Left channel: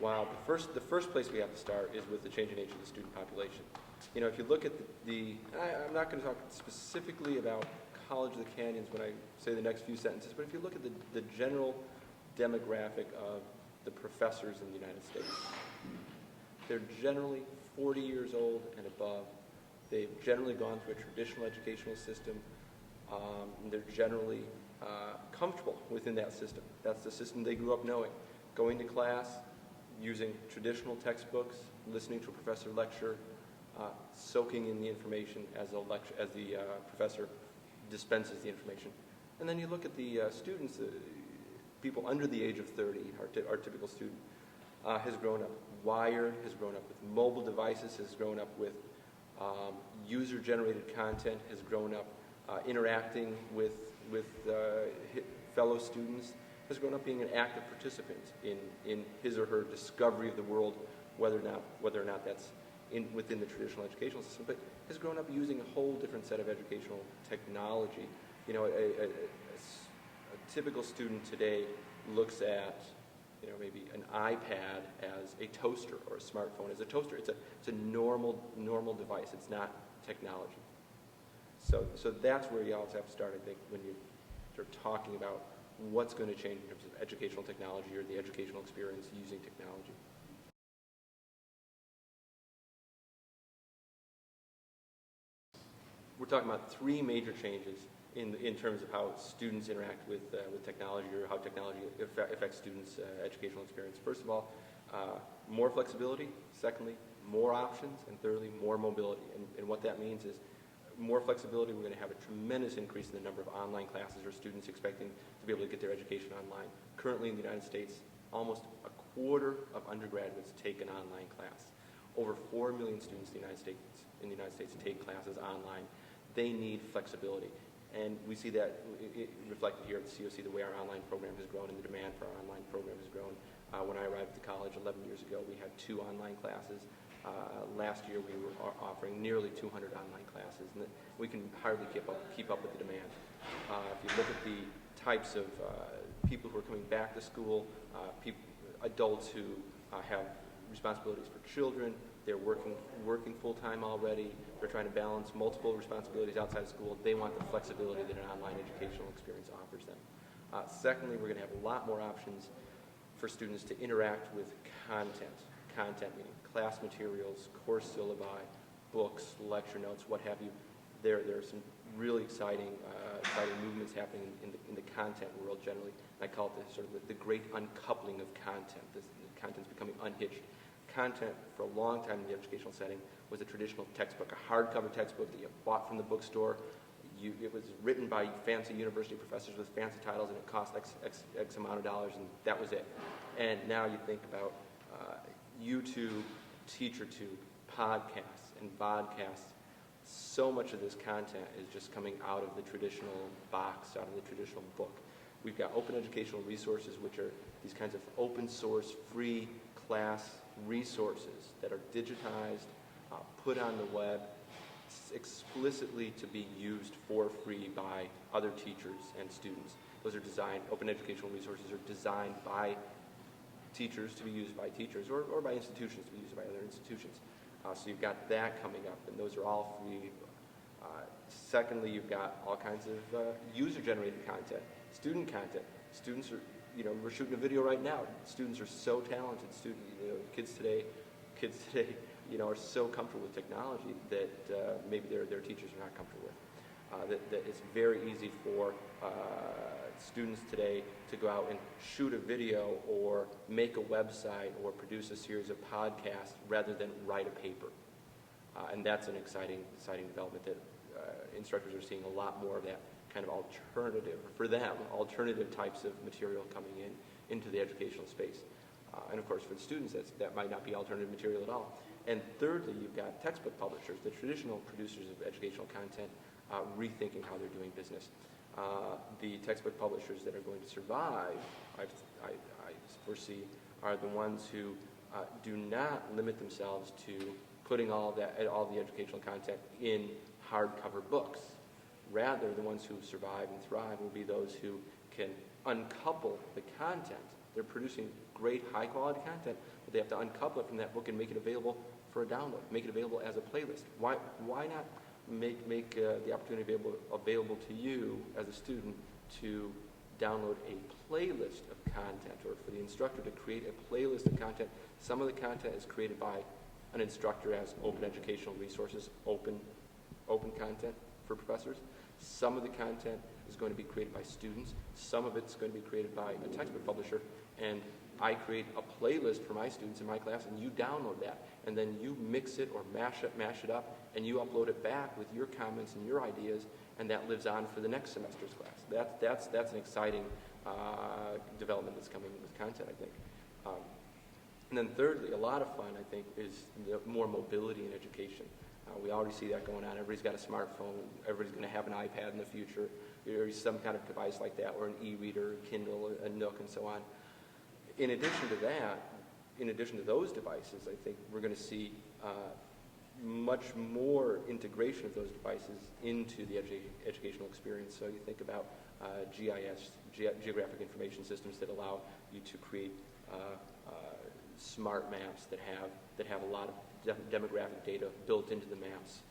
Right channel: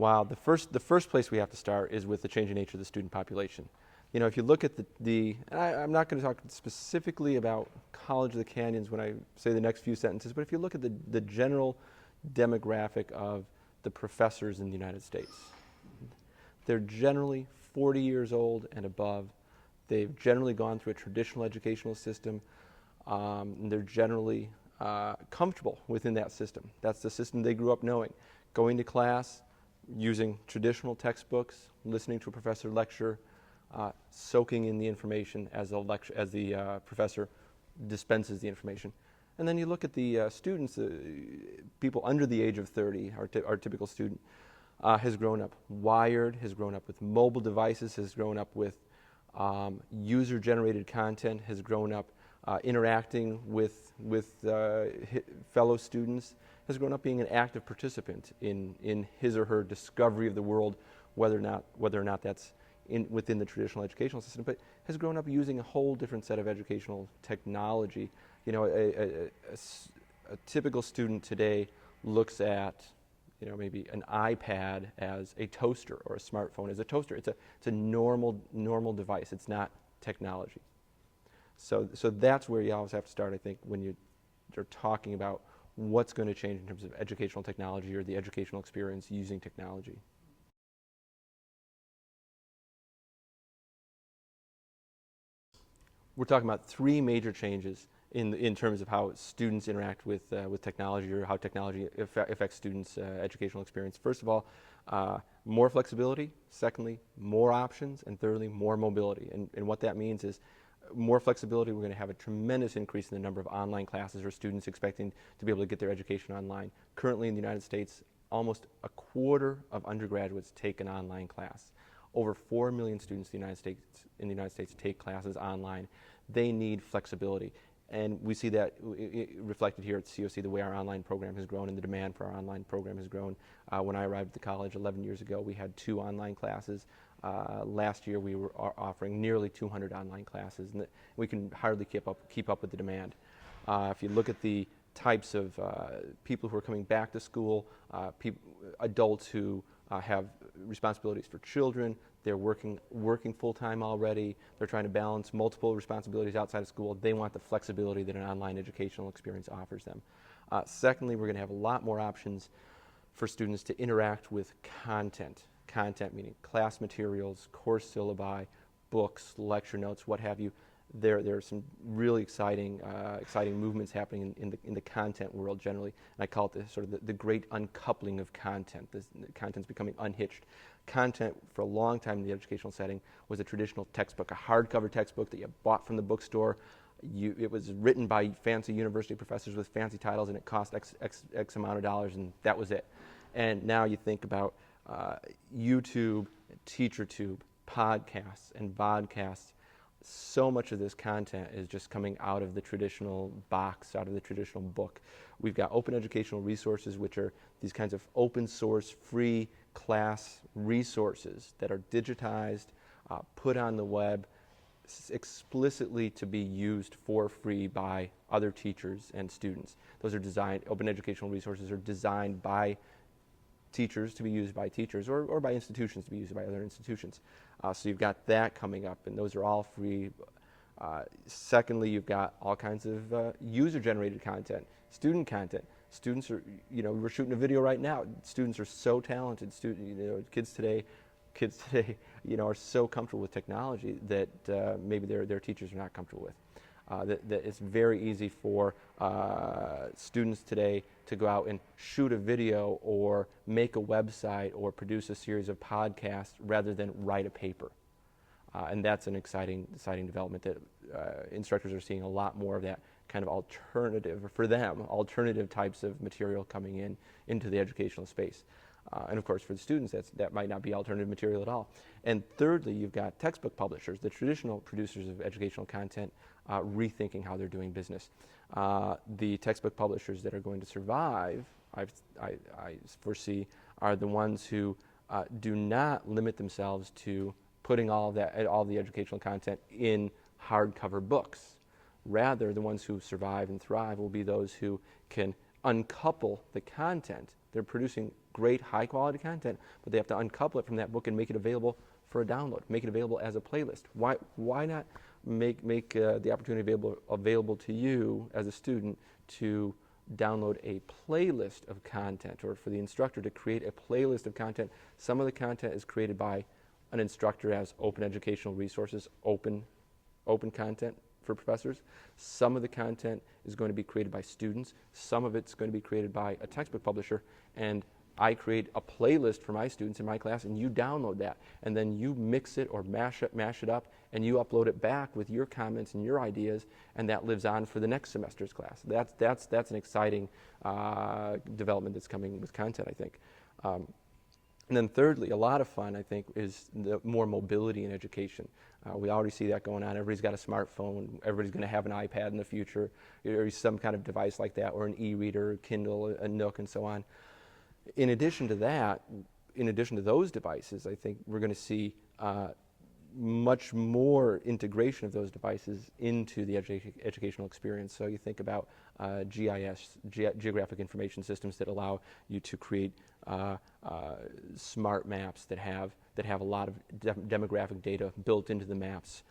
Wow, the first place we have to start is with the changing nature of the student population. You know, if you look at I'm not going to talk specifically about College of the Canyons when I say the next few sentences, but if you look at the general demographic of the professors in the United States, they're generally 40 years old and above. They've generally gone through a traditional educational system. They're generally comfortable within that system. That's the system they grew up knowing. Going to class, using traditional textbooks, listening to a professor lecture, soaking in the information as the professor dispenses the information. And then you look at the students, people under the age of 30, our typical student, has grown up wired, has grown up with mobile devices, has grown up with user-generated content, has grown up interacting with fellow students, has grown up being an active participant in his or her discovery of the world, whether or not that's within the traditional educational system, but has grown up using a whole different set of educational technology. You know, a typical student today looks at, you know, maybe an iPad as a toaster or a smartphone as a toaster. It's a normal device. It's not technology. So that's where you always have to start, I think, when you're talking about what's going to change in terms of educational technology or the educational experience using technology. We're talking about three major changes in terms of how students interact with technology, or how technology affects students' educational experience. First of all, more flexibility. Secondly, more options. And thirdly, more mobility. And what that means is more flexibility. We're going to have a tremendous increase in the number of online classes or students expecting to be able to get their education online. Currently in the United States, almost a quarter of undergraduates take an online class. Over 4 million students in the United States take classes online. They need flexibility. And we see that reflected here at COC, the way our online program has grown and the demand for our online program has grown. When I arrived at the college 11 years ago, we had 2 online classes. Last year, we were offering nearly 200 online classes, and we can hardly keep up with the demand. If you look at the types of people who are coming back to school, adults who have responsibilities for children, they're working full-time already, they're trying to balance multiple responsibilities outside of school. They want the flexibility that an online educational experience offers them. Secondly, we're going to have a lot more options for students to interact with content. Content meaning class materials, course syllabi, books, lecture notes, what have you. There are some really exciting movements happening in the content world generally. And I call it the great uncoupling of content. The content's becoming unhitched. Content for a long time in the educational setting was a traditional textbook, a hardcover textbook that you bought from the bookstore. It was written by fancy university professors with fancy titles, and it cost X amount of dollars, and that was it. And now you think about YouTube, TeacherTube, podcasts, and vodcasts. So much of this content is just coming out of the traditional box, out of the traditional book. We've got open educational resources, which are these kinds of open source, free class resources that are digitized, put on the web, explicitly to be used for free by other teachers and students. Those are designed, open educational resources are designed by teachers to be used by teachers, or by institutions to be used by other institutions. So you've got that coming up, and those are all free. Secondly, you've got all kinds of user-generated content, student content. Students are, we're shooting a video right now. Students are so talented. Kids today, are so comfortable with technology that maybe their teachers are not comfortable with. That it's very easy for students today to go out and shoot a video or make a website or produce a series of podcasts rather than write a paper. And that's an exciting development that instructors are seeing a lot more of that kind of alternative types of material coming into the educational space. And of course, for the students, that might not be alternative material at all. And thirdly, you've got textbook publishers, the traditional producers of educational content, rethinking how they're doing business. The textbook publishers that are going to survive, I foresee, are the ones who do not limit themselves to putting all the educational content in hardcover books. Rather, the ones who survive and thrive will be those who can uncouple the content. They're producing great high-quality content, but they have to uncouple it from that book and make it available for a download, make it available as a playlist. Why not make the opportunity available to you as a student to download a playlist of content, or for the instructor to create a playlist of content. Some of the content is created by an instructor as open educational resources, open content for professors. Some of the content is going to be created by students. Some of it's going to be created by a textbook publisher, and I create a playlist for my students in my class, and you download that, and then you mix it or mash it up, and you upload it back with your comments and your ideas, and that lives on for the next semester's class. That's an exciting development that's coming with content, I think. And then thirdly, a lot of fun, I think, is the more mobility in education. We already see that going on. Everybody's got a smartphone. Everybody's going to have an iPad in the future, or some kind of device like that, or an e-reader, Kindle, a Nook, and so on. In addition to that, in addition to those devices, I think we're going to see much more integration of those devices into the educational experience. So you think about GIS, geographic information systems, that allow you to create smart maps that have a lot of demographic data built into the maps,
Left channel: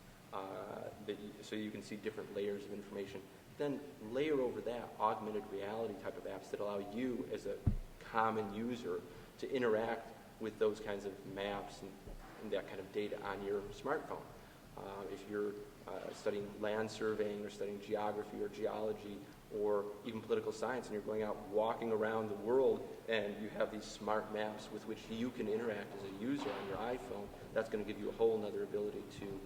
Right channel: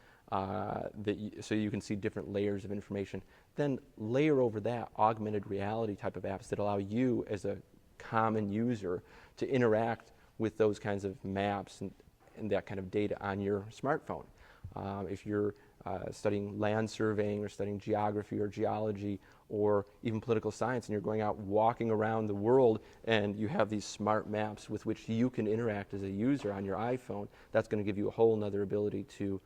so you can see different layers of information. Then layer over that augmented reality type of apps that allow you as a common user to interact with those kinds of maps and that kind of data on your smartphone. If you're studying land surveying or studying geography or geology or even political science, and you're going out walking around the world and you have these smart maps with which you can interact as a user on your iPhone, that's going to give you a whole nother ability to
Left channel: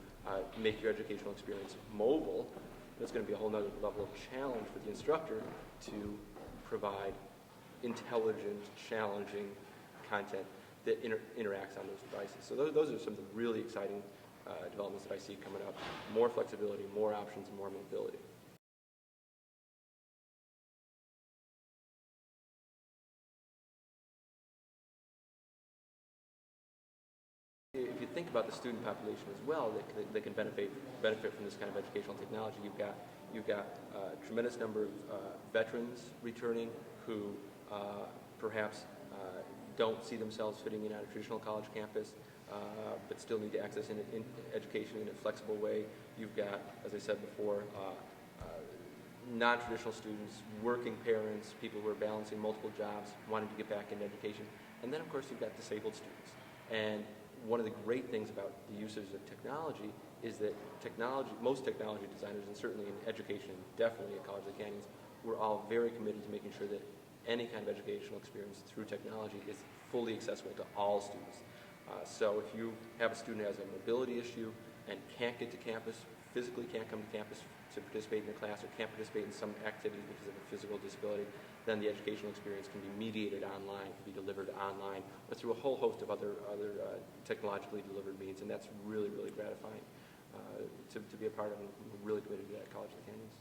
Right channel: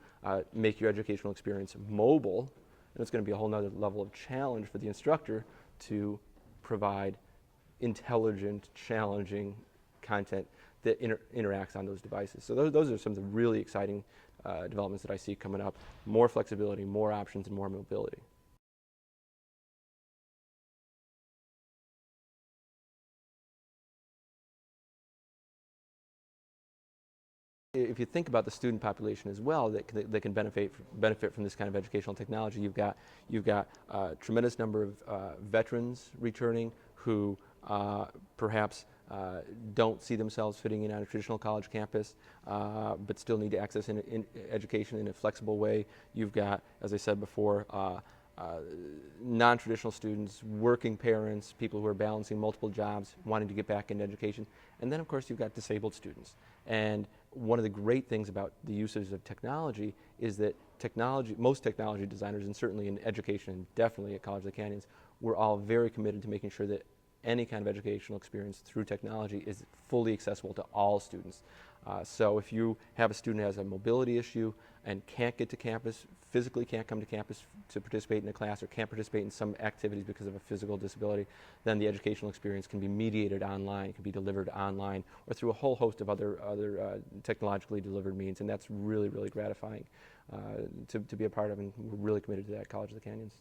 make your educational experience mobile, and it's going to be a whole nother level of challenge for the instructor to provide intelligent, challenging content that interacts on those devices. So those are some of the really exciting developments that I see coming up. More flexibility, more options, and more mobility. If you think about the student population as well that can benefit from this kind of educational technology, you've got a tremendous number of veterans returning who perhaps don't see themselves fitting in on a traditional college campus, but still need to access in education in a flexible way. You've got, as I said before, non-traditional students, working parents, people who are balancing multiple jobs, wanting to get back into education. And then, of course, you've got disabled students. And one of the great things about the usage of technology is that most technology designers, and certainly in education, definitely at College of the Canyons, we're all very committed to making sure that any kind of educational experience through technology is fully accessible to all students. So if you have a student who has a mobility issue and can't get to campus, physically can't come to campus to participate in a class, or can't participate in some activities because of a physical disability, then the educational experience can be mediated online, can be delivered online, or through a whole host of other technologically delivered means, and that's really, really gratifying to be a part of, and we're really committed to that at College of the Canyons.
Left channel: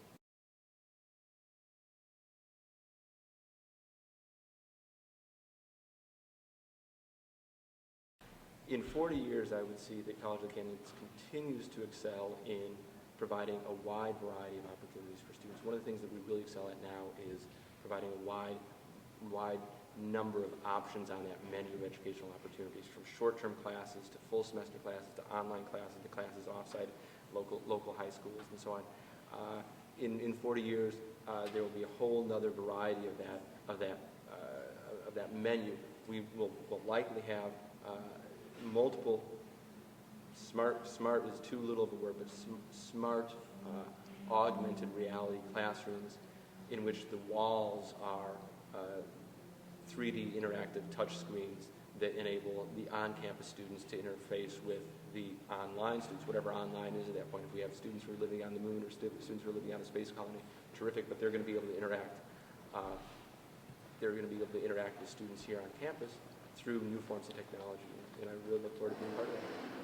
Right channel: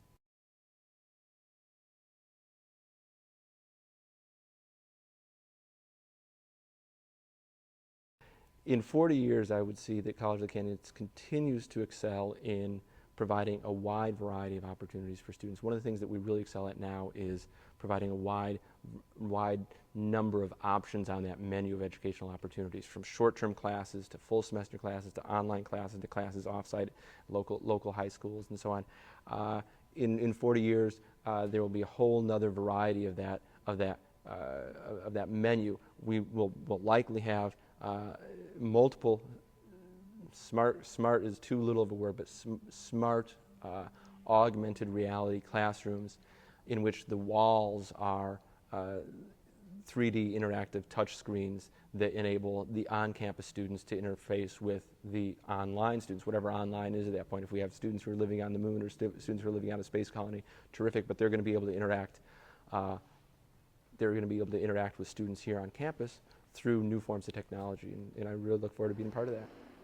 In 40 years, I would see that College of the Canyons continues to excel in providing a wide variety of opportunities for students. One of the things that we really excel at now is providing a wide number of options on that menu of educational opportunities, from short-term classes to full semester classes to online classes to classes offsite local high schools and so on. In 40 years, there will be a whole nother variety of that menu. We will likely have multiple smart is too little of a word, but smart augmented reality classrooms in which the walls are 3D interactive touch screens that enable the on-campus students to interface with the online students, whatever online is at that point. If we have students who are living on the moon or students who are living on a space colony, terrific, but they're going to be able to interact with students here on campus through new forms of technology, and I really look forward to being part of that.